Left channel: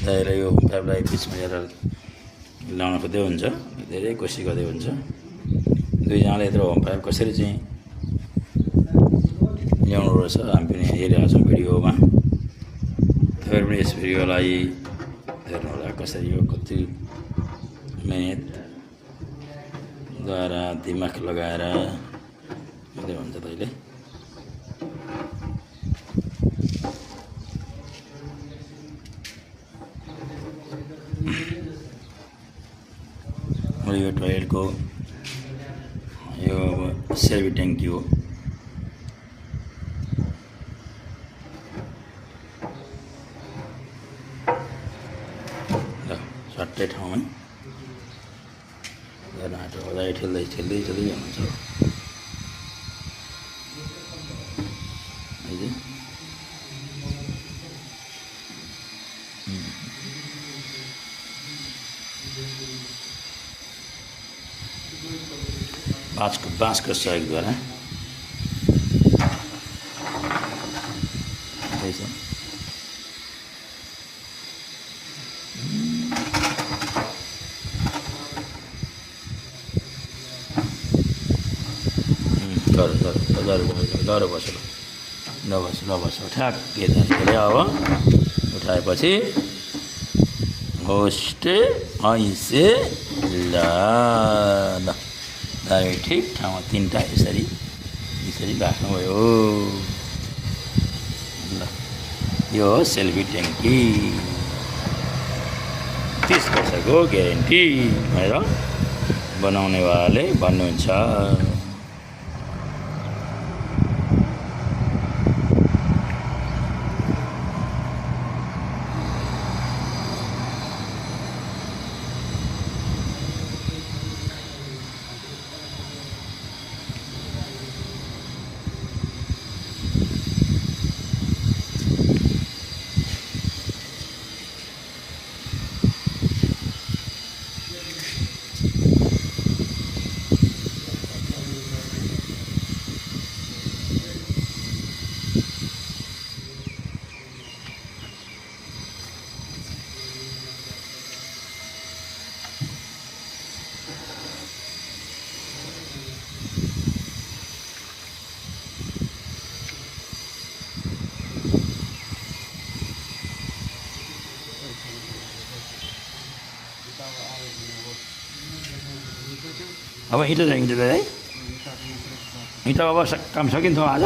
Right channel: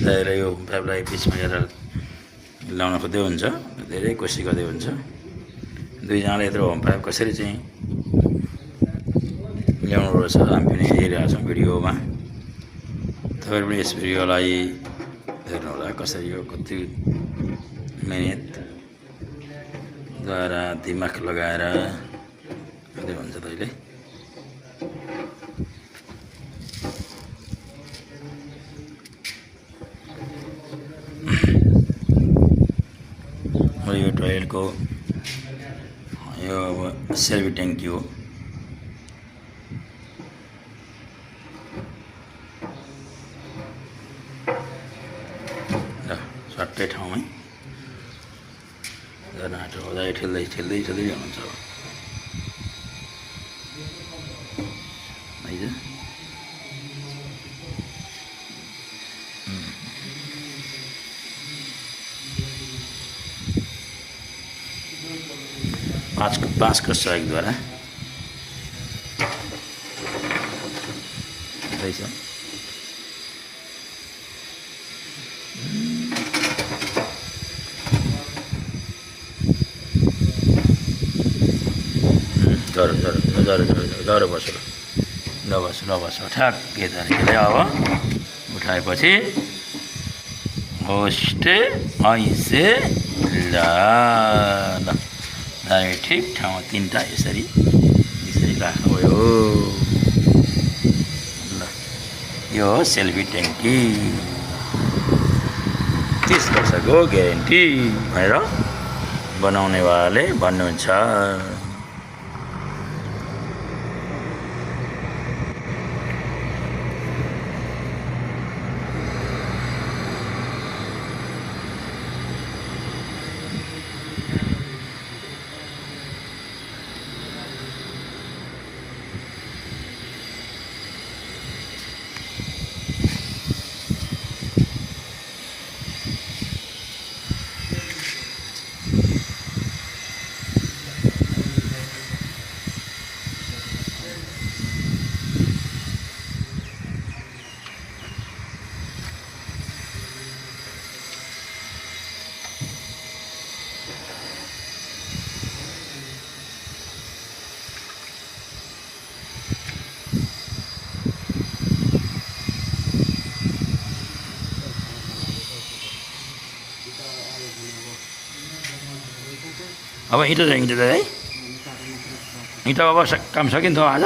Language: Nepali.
दाएर यो पाइपलाई बिचमा हेरेर लाउन खोज्दै हुन्छ, धेरै कोसिस गर्दै हुन्छ। दुईजनाले यत्रो होम पाइप कसरी चाहिँ ल्याउनु रहेछ हामी पनि हेरिरहेको छौँ भिडियोमा। तपाईँहरू पनि यस भिडियोलाई हेर्नुहोला, कसरी यो कति मेहनतद्वारा दिमाग लगाएर गर्दै हुन्छ तैँले। यो टोयलेटको यो अब सेल्फी ट्याङ्की हो। सट्टै ठाउँमै नाटो हुँदा ठेल्दै ठेल्दै ठेल्दै जानुहुन्छ है। 5 का सहयोग द्वारा पैसा डर बस ठ्याक्कै धरेर अब उठाएपछि होस्ट ऐसे ल ठिक ठाउँमा 3टा यसरी राख्नुभयो। ल यो हो सेल्फी ट्याङ्की, 30 वर्षको ग्यारेन्टी भनेर बनाउनेवालाले भन्नुहुन्छ। अब इँटा है, इँटा अब काम सकिन्थ्यो आज।